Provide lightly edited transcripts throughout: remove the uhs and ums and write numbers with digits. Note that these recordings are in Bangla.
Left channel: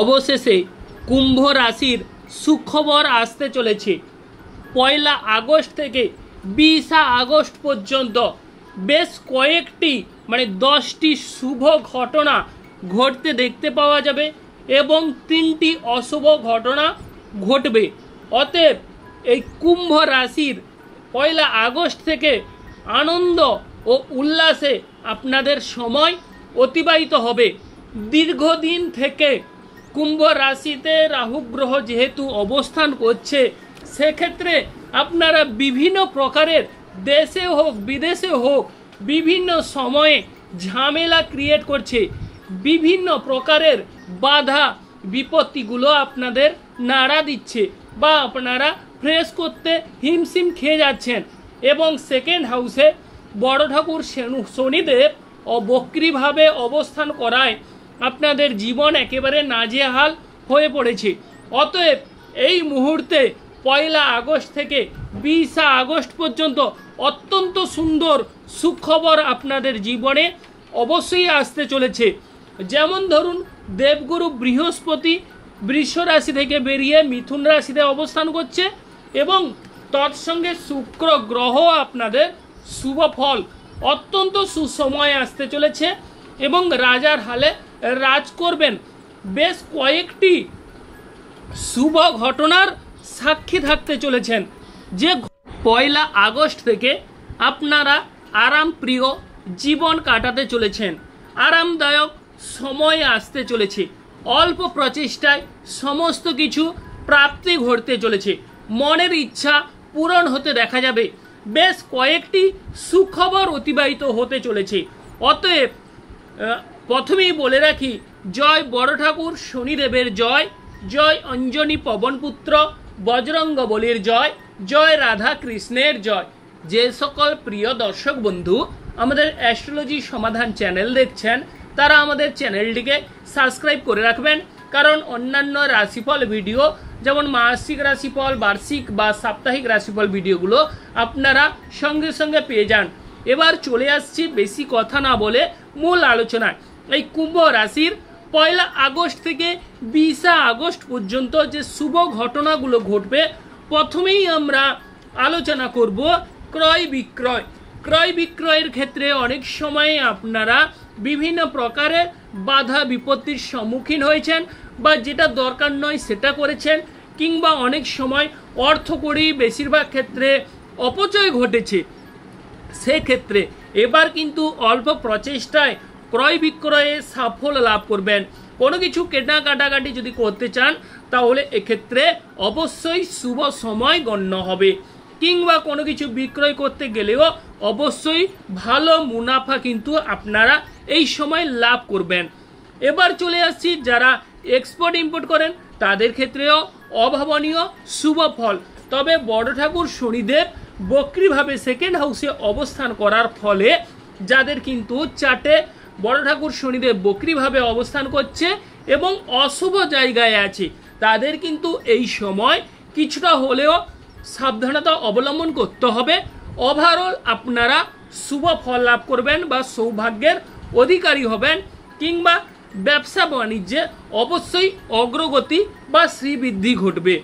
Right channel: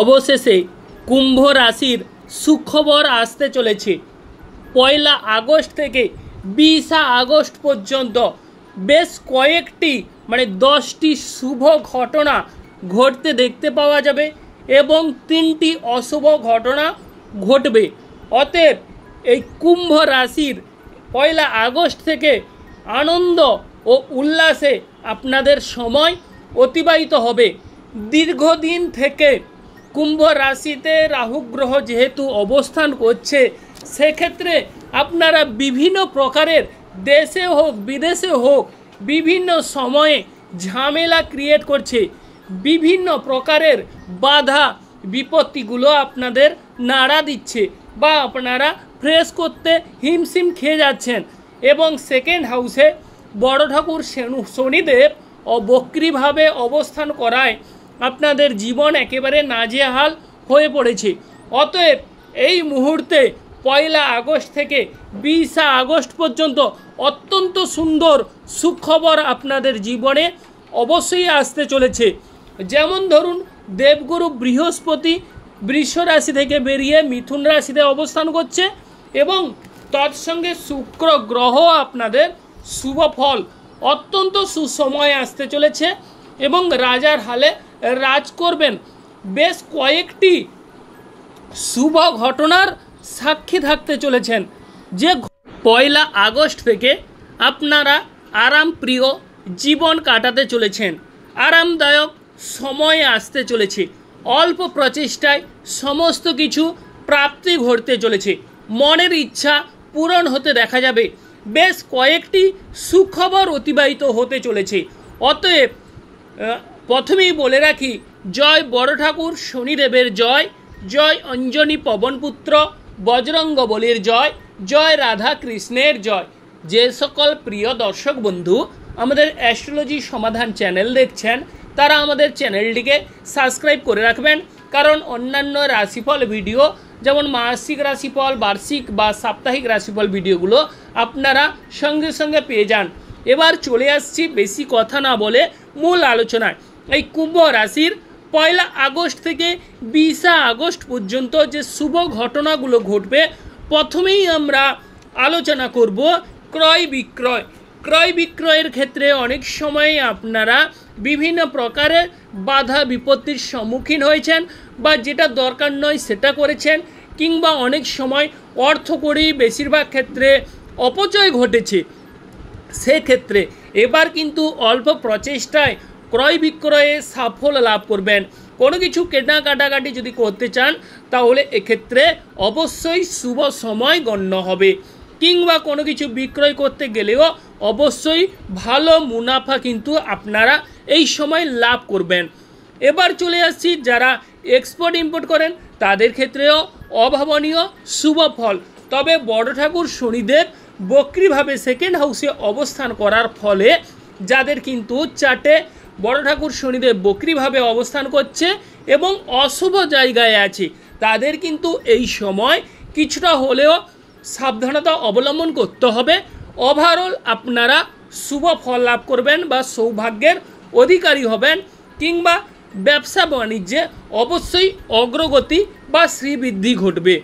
অবশেষে কুম্ভ রাশির সুখবর আসতে চলেছে। 1 আগস্ট থেকে 20 আগস্ট পর্যন্ত বেশ কয়েকটি 10টি শুভ ঘটনা ঘটতে দেখতে পাওয়া যাবে এবং 3টি অশুভ ঘটনা ঘটবে। অতএব এই কুম্ভ রাশির 1 আগস্ট থেকে আনন্দ ও উল্লাসে আপনাদের সময় অতিবাহিত হবে। দীর্ঘদিন থেকে কুম্ভ রাশিতে রাহু গ্রহ যেহেতু অবস্থান করছে, সেক্ষেত্রে আপনারা বিভিন্ন প্রকারের দেশে হোক বিদেশে হোক বিভিন্ন সময়ে ঝামেলা ক্রিয়েট করছে। বিভিন্ন প্রকারের বাধা বিপত্তিগুলো আপনাদের নাড়া দিচ্ছে বা আপনারা ফ্রেশ করতে হিমশিম খেয়ে যাচ্ছেন। এবং সেকেন্ড হাউসে বড় ঠাকুর শনিদেব বক্রীভাবে অবস্থান করায় আপনাদের জীবন একেবারে নাজেহাল হয়ে পড়েছে। অতএব এই মুহূর্তে 1 আগস্ট থেকে 20 আগস্ট পর্যন্ত অত্যন্ত সুন্দর সুখবর আপনাদের জীবনে অবশ্যই আসতে চলেছে। যেমন ধরুন, দেবগুরু বৃহস্পতি বৃষ রাশি থেকে বেরিয়ে মিথুন রাশিতে অবস্থান করছে এবং তৎসঙ্গে শুক্র গ্রহ আপনাদের শুভ ফল অত্যন্ত সুসময় আসতে চলেছে এবং রাজার হালে রাজ করবেন। বেশ কয়েকটি শুভ ঘটনার সাক্ষী থাকতে চলেছেন। যে 1 আগস্ট থেকে আপনারা আরাম প্রিয় জীবন কাটাতে চলেছেন, আরামদায়ক সময় আসতে চলেছে, অল্প প্রচেষ্টায় সমস্ত কিছু প্রাপ্তি ঘটতে চলেছে, মনের ইচ্ছা পূরণ হতে দেখা যাবে। বেশ কয়েকটি সুখবর অতিবাহিত হতে চলেছে। অতএব প্রথমেই বলে রাখি, জয় বড় ঠাকুর শনিদেবের জয়, জয় অঞ্জনী পবনপুত্র বজরঙ্গবলীর জয়, জয় রাধা কৃষ্ণের জয়। যে সকল প্রিয় দর্শক বন্ধু আমাদের অ্যাস্ট্রোলজি সমাধান চ্যানেল দেখছেন, তারা আমাদের চ্যানেলটিকে সাবস্ক্রাইব করে রাখবেন, কারণ অন্যান্য রাশিফল ভিডিও যেমন মাসিক রাশিফল, বার্ষিক বা সাপ্তাহিক রাশিফল ভিডিওগুলো আপনারা সঙ্গে সঙ্গে পেয়ে যান। এবার চলে আসছি বেশি কথা না বলে মূল আলোচনায়। এই কুম্ভ রাশির 1 আগস্ট থেকে 20 আগস্ট পর্যন্ত যে শুভ ঘটনাগুলো ঘটবে, প্রথমেই আমরা আলোচনা করব ক্রয় বিক্রয়। ক্রয় বিক্রয়ের ক্ষেত্রে অনেক সময় আপনারা বিভিন্ন প্রকারের বাধা বিপত্তির সম্মুখীন হয়েছেন বা যেটা দরকার নয় সেটা করেছেন, কিংবা অনেক সময় অর্থকড়ি বেশিরভাগ ক্ষেত্রে অপচয় ঘটেছে। সেক্ষেত্রে এবার কিন্তু অল্প প্রচেষ্টায় ক্রয় বিক্রয়ে সাফল্য লাভ করবেন। কোনো কিছু কেনাকাটাকাটি যদি করতে চান তাহলে এক্ষেত্রে অবশ্যই শুভ সময় গণ্য হবে, কিংবা কোনো কিছু বিক্রয় করতে গেলেও অবশ্যই ভালো মুনাফা কিন্তু আপনারা এই সময় লাভ করবেন। এবার চলে আসছি যারা এক্সপোর্ট ইম্পোর্ট করেন, তাদের ক্ষেত্রেও অভাবনীয় শুভ ফল। তবে বড় ঠাকুর শনিদেব বক্রীভাবে সেকেন্ড হাউসে অবস্থান করার ফলে যাদের কিন্তু চার্টে বড় ঠাকুর শনিদেব বক্রীভাবে অবস্থান করছে এবং অশুভ জায়গায় আছে, তাদের কিন্তু এই সময় কিছুটা হলেও সাবধানতা অবলম্বন করতে হবে। ওভারঅল আপনারা শুভ ফল লাভ করবেন বা সৌভাগ্যের অধিকারী হবেন, কিংবা ব্যবসা বাণিজ্যে অবশ্যই অগ্রগতি বা শ্রীবৃদ্ধি ঘটবে।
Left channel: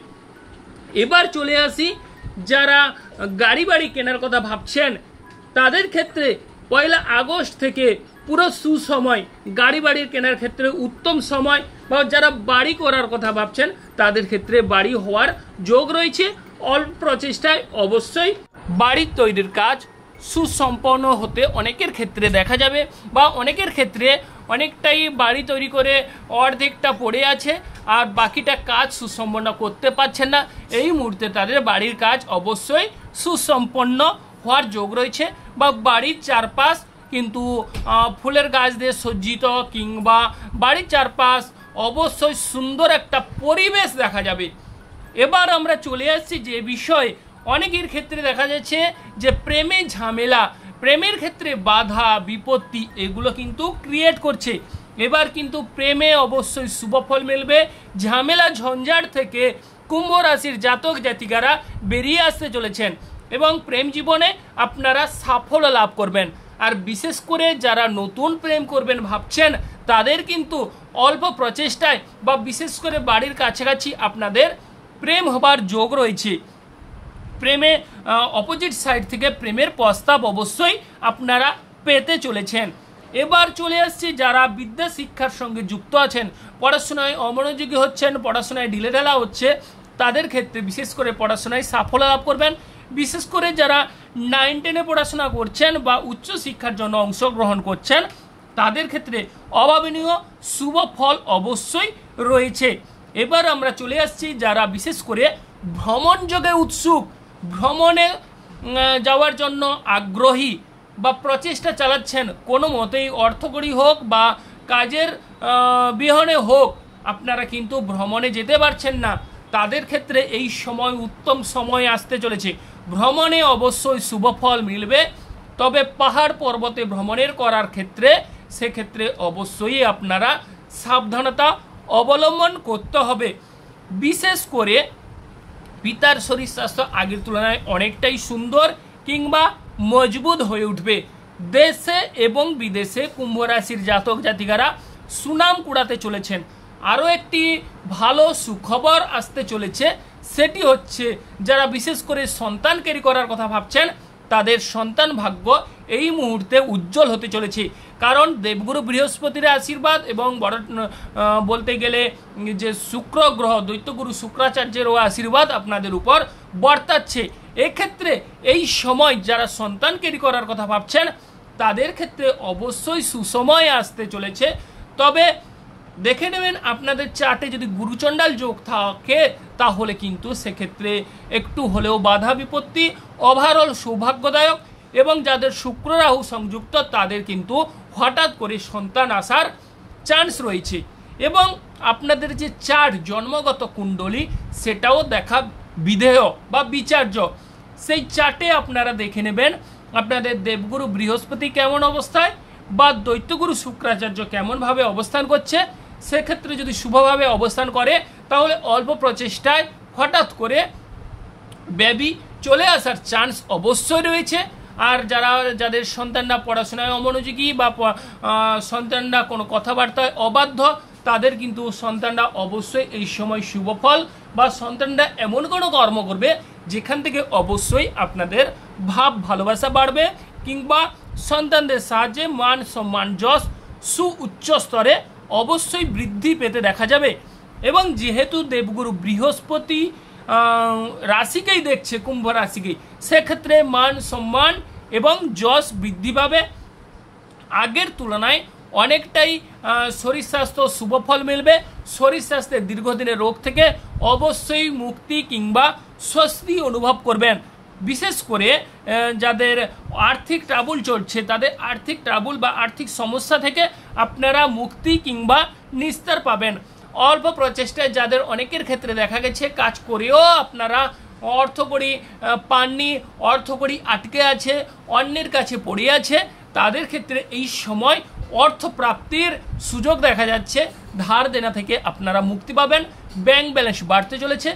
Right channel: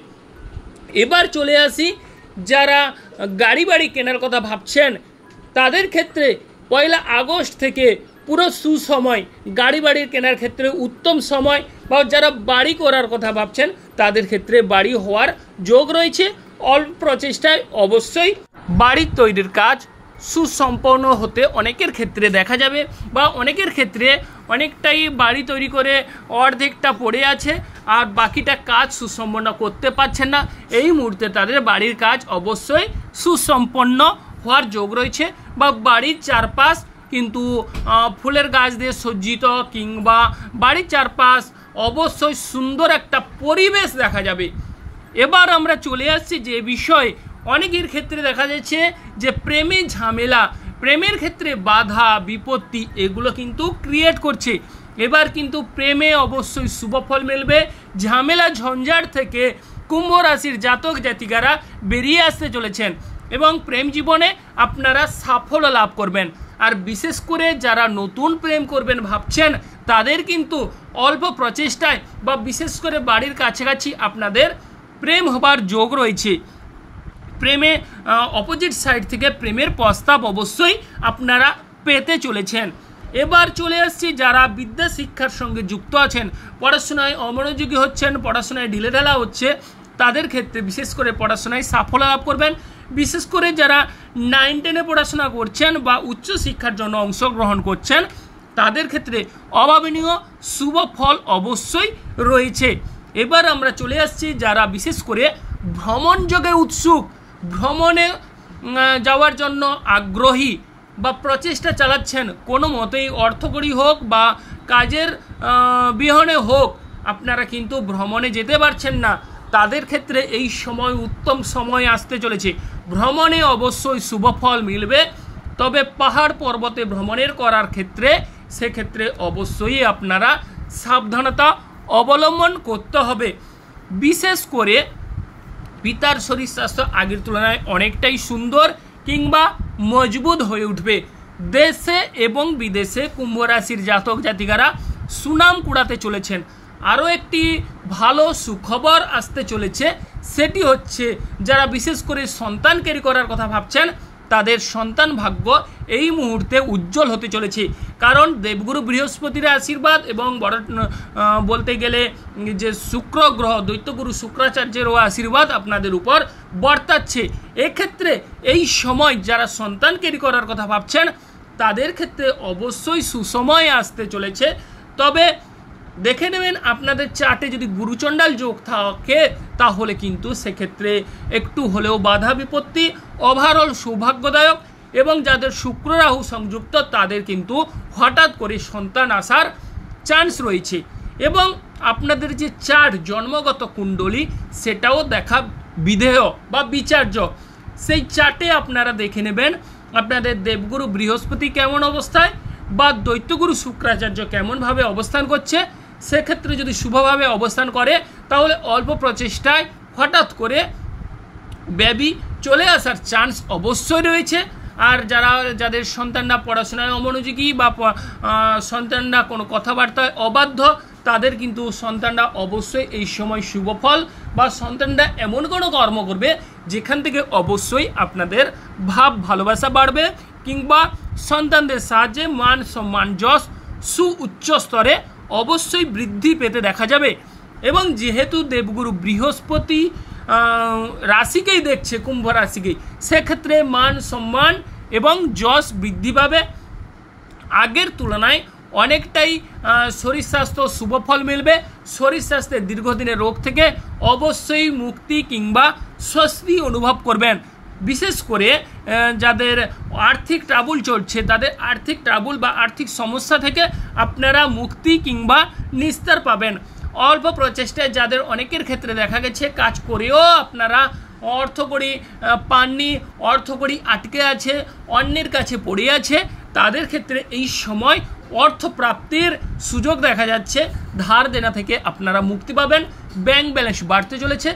এবার চলে আসি যারা গাড়ি বাড়ি কেনার কথা ভাবছেন, তাদের ক্ষেত্রে 1 আগস্ট থেকে পুরো সুসময়। গাড়ি বাড়ির কেনার ক্ষেত্রে উত্তম সময়, বা যারা বাড়ি করার কথা ভাবছেন তাদের ক্ষেত্রে বাড়ি হওয়ার যোগ রয়েছে। অল্প প্রচেষ্টায় অবশ্যই বাড়ির তৈরির কাজ সুসম্পন্ন হতে অনেকের ক্ষেত্রে দেখা যাবে, বা অনেকের ক্ষেত্রে অনেকটাই বাড়ি তৈরি করে অর্ধেকটা পড়ে আছে আর বাকিটা কাজ সুসম্পন্ন করতে পারছেন না। এই মুহূর্তে তাদের বাড়ির কাজ অবশ্যই সুসম্পন্ন হওয়ার যোগ রয়েছে, বা বাড়ির চারপাশ কিন্তু ফুলের গাছ দিয়ে সজ্জিত, কিংবা বাড়ির চারপাশ অবশ্যই সুন্দর একটা পরিবেশ দেখা যাবে। এবার আমরা চলে আসছি যে বিষয় অনেকের ক্ষেত্রে দেখা যাচ্ছে যে প্রেমে ঝামেলা, প্রেমের ক্ষেত্রে বাধা বিপত্তি এগুলো কিন্তু ক্রিয়েট করছে। এবার কিন্তু প্রেমে অবশ্যই শুভ ফল মিলবে। ঝামেলা ঝঞ্ঝাট থেকে কুম্ভ রাশির জাতক জাতিকারা বেরিয়ে আসতে চলেছেন এবং প্রেম জীবনে আপনারা সাফল্য লাভ করবেন। আর বিশেষ করে যারা নতুন প্রেম করবেন ভাবছেন, তাদের কিন্তু অল্প প্রচেষ্টায় বা বিশেষ করে বাড়ির কাছাকাছি আপনাদের প্রেম হবার যোগ রয়েছে। প্রেমে অপোজিট সাইড থেকে প্রেমের প্রস্তাব অবশ্যই আপনারা পেতে চলেছেন। এবার চলে আসছি যারা বিদ্যা শিক্ষার সঙ্গে যুক্ত আছেন, পড়াশোনায় অমনোযোগী হচ্ছেন, পড়াশোনায় ঢিলেঢালা হচ্ছে, তাদের ক্ষেত্রে বিশেষ করে পড়াশোনায় সাফল্য লাভ করবেন। বিশেষ করে যারা 9-10 পড়াশোনা করছেন বা উচ্চ শিক্ষার জন্য অংশগ্রহণ করছেন, তাদের ক্ষেত্রে অভাবনীয় শুভ ফল অবশ্যই রয়েছে। এবার আমরা চলে আসছি যারা বিশেষ করে ভ্রমণ যোগে উৎসুক, ভ্রমণে যাওয়ার জন্য আগ্রহী বা প্রচেষ্টা চালাচ্ছেন, কোনো মতেই অর্থকরী হোক বা কাজের বিহনে হোক আপনারা কিন্তু ভ্রমণে যেতে পারছেন না, তাদের ক্ষেত্রে এই সময় উত্তম সময় আসতে চলেছে। ভ্রমণে অবশ্যই শুভ ফল মিলবে, তবে পাহাড় পর্বতে ভ্রমণের করার ক্ষেত্রে সেক্ষেত্রে অবশ্যই আপনারা সাবধানতা অবলম্বন করতে হবে। বিশেষ করে পিতার শরীর স্বাস্থ্য আগের তুলনায় অনেকটাই সুন্দর কিংবা মজবুত হয়ে উঠবে। দেশে এবং বিদেশে কুম্ভ রাশির জাতক জাতিকারা সুনাম কুড়াতে চলেছেন। আরও একটি ভালো সুখবর আসতে চলেছে, সেটি হচ্ছে যারা বিশেষ করে সন্তান ক্যারি করার কথা ভাবছেন, তাদের সন্তান ভাগ্য এই মুহূর্তে উজ্জ্বল হতে চলেছে। কারণ দেবগুরু বৃহস্পতির আশীর্বাদ এবং বলতে গেলে যে শুক্র গ্রহ দৈত্যগুরু শুক্রাচার্যেরও আশীর্বাদ আপনাদের উপর বর্তাচ্ছে। এক্ষেত্রে এই সময় যারা সন্তান ক্যারি করার কথা ভাবছেন, তাদের ক্ষেত্রে অবশ্যই সুসময় আসতে চলেছে। তবে দেখে নেবেন আপনাদের চার্টে যদি গুরুচণ্ডাল যোগ থাকে, তাহলে কিন্তু সেক্ষেত্রে একটু হলেও বাধা বিপত্তি, ওভারঅল সৌভাগ্যদায়ক, এবং যাদের শুক্র রাহু সংযুক্ত তাদের কিন্তু হঠাৎ করে সন্তান আসার চান্স রয়েছে। এবং আপনাদের যে চার্ট জন্মগত কুণ্ডলী, সেটাও দেখা বিধেয় বা বিচার্য। সেই চার্টে আপনারা দেখে নেবেন আপনাদের দেবগুরু বৃহস্পতি কেমন অবস্থায় বা দৈত্যগুরু শুক্রাচার্য কেমনভাবে অবস্থান করছে। সেক্ষেত্রে যদি শুভভাবে অবস্থান করে, তাহলে অল্প প্রচেষ্টায় হঠাৎ করে বেবি চলে আসার চান্স অবশ্যই রয়েছে। আর যাদের সন্তানরা পড়াশোনায় অমনোযোগী বা সন্তানরা কোনো কথাবার্তায় অবাধ্য, তাদের কিন্তু সন্তানরা অবশ্যই এই সময় শুভ ফল বা সন্তানরা এমন কোনো কর্ম করবে যেখান থেকে অবশ্যই আপনাদের ভাব ভালোবাসা বাড়বে, কিংবা সন্তানদের সাহায্যে মান সম্মান যশ সুউচ্চ স্তরে অবশ্যই বৃদ্ধি পেতে দেখা যাবে। এবং যেহেতু দেবগুরু বৃহস্পতি রাশিকেই দেখছে, কুম্ভ রাশিকেই, সেক্ষেত্রে মান সম্মান এবং যশ বৃদ্ধি পাবে। আগের তুলনায় অনেকটাই শরীর স্বাস্থ্য শুভ ফল মিলবে। শরীর স্বাস্থ্যের দীর্ঘদিনের রোগ থেকে অবশ্যই মুক্তি কিংবা স্বস্তি অনুভব করবেন। বিশেষ করে যাদের আর্থিক ট্রাবল চলছে, তাদের আর্থিক ট্রাবল বা আর্থিক সমস্যা থেকে আপনারা মুক্তি কিংবা নিস্তার পাবেন। অল্প প্রচেষ্টায় যাদের অনেকের ক্ষেত্রে দেখা গেছে কাজ করেও আপনারা অর্থকড়ি পাননি, অর্থকড়ি আটকে আছে, অন্যের কাছে পড়ে আছে, তাদের ক্ষেত্রে এই সময় অর্থ প্রাপ্তির সুযোগ দেখা যাচ্ছে। ধার দেনা থেকে আপনারা মুক্তি পাবেন, ব্যাংক ব্যালেন্স বাড়তে চলেছে।